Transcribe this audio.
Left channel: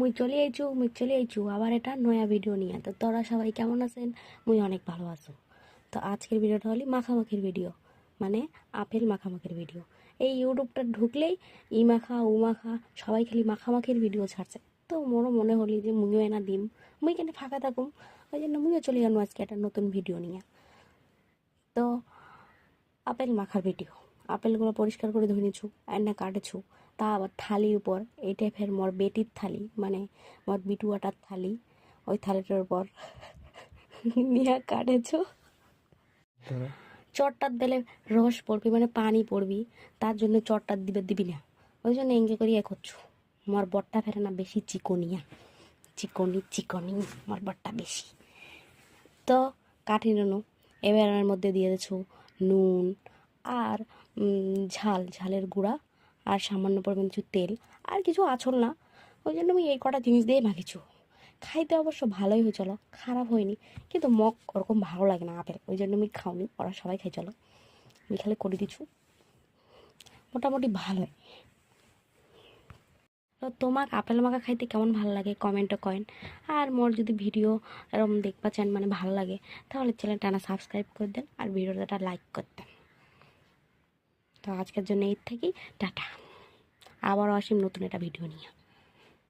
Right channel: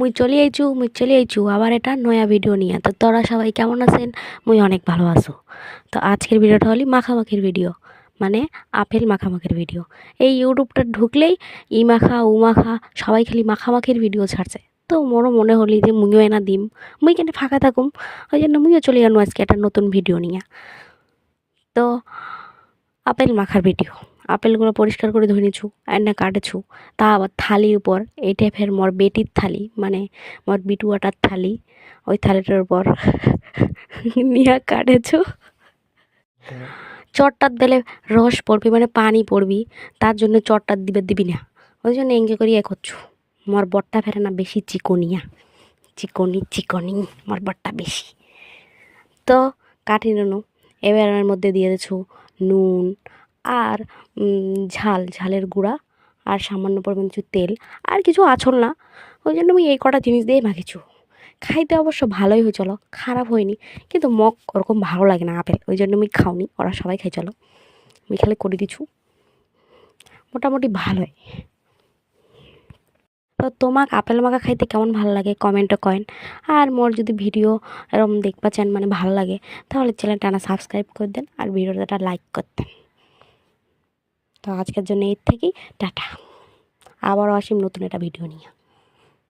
মুই চলে আইছু মুই চলে আইছু আবার এটা নয়া ভিডিও নিয়ে। তো তোরা সবাই কেমন আছেন? মুই অনেক ভালো আছো। তো আজকের ভিডিওটা হলি মাখামাখির ভিডিও মানে আপেল মাখামাখির ভিডিও এই ইউটিউবটা ঢুকলেই ই মাখা, উ মাখা, সবাই খালি মাখামাখির ভিডিও ছাড়ছে। তো মোরও মনে হলি যে মুইও এনা দিম। মুই কেন ফাঁকা থাকুম। ওই জন্য মুইও চলে গেলাম আজকে একটা নতুন ভিডিও নিয়ে। তো আপেল মাখার ভিডিও আপেলগুলো পরিষ্কার করে ধুয়ে নিছু এনে কাটেছু। তা আবার থালির উপর এই ফের মোর বেটির থালি মানে মোর বিটুয়াটার থালি ওই থালিটার উপর নিয়ে কাটেছু। চটটার দিলে রস পড়বি মানে পানি পড়বি তার জন্য চটটার দিবে দিবি না। ওই জন্য এঙ্গে করি এ করছু। মোর বটটা ফেরে না বেশি চিকনিয়া। চিকনি চিকনি মোর বটটা বেশি। তো কাটি নেনু। এবার এর মধ্যে দিয়ে দিছু নুন আর ঝাল, ঝালের গুঁড়া আর সামান্য পরিমাণ কিছু তেল আর কিছু আছল না। ওই জন্য আমি এই কটা জিনিস দিয়ে মাখিছু খাইতে অবশ্য ভালোই হয়েছিল খারাপ হয়নি, কিন্তু মগ ওরকম ভালো লাগে না, আপেল। ওই জন্য আমি খাওনি, ওরা সবাই খাই চলো। আমি খালি করে দিছু মোটামুটি ভালোই। তো তোমাক আপেল মাখা খাইতে কেমন ভালো লাগে? কমেন্টে কয়েন। আর মোর যদি ভিডিও এরকম দেখবা চান মানে ভালো লাগে, তাহলে চ্যানেলটা না সাবস্ক্রাইব করে দেন আর ভিডিওটা লাইক করতেন তো আজকের জন্য এর থেকেই টাটা। আবার অসীম নতুন একটা ভিডিও নিয়ে।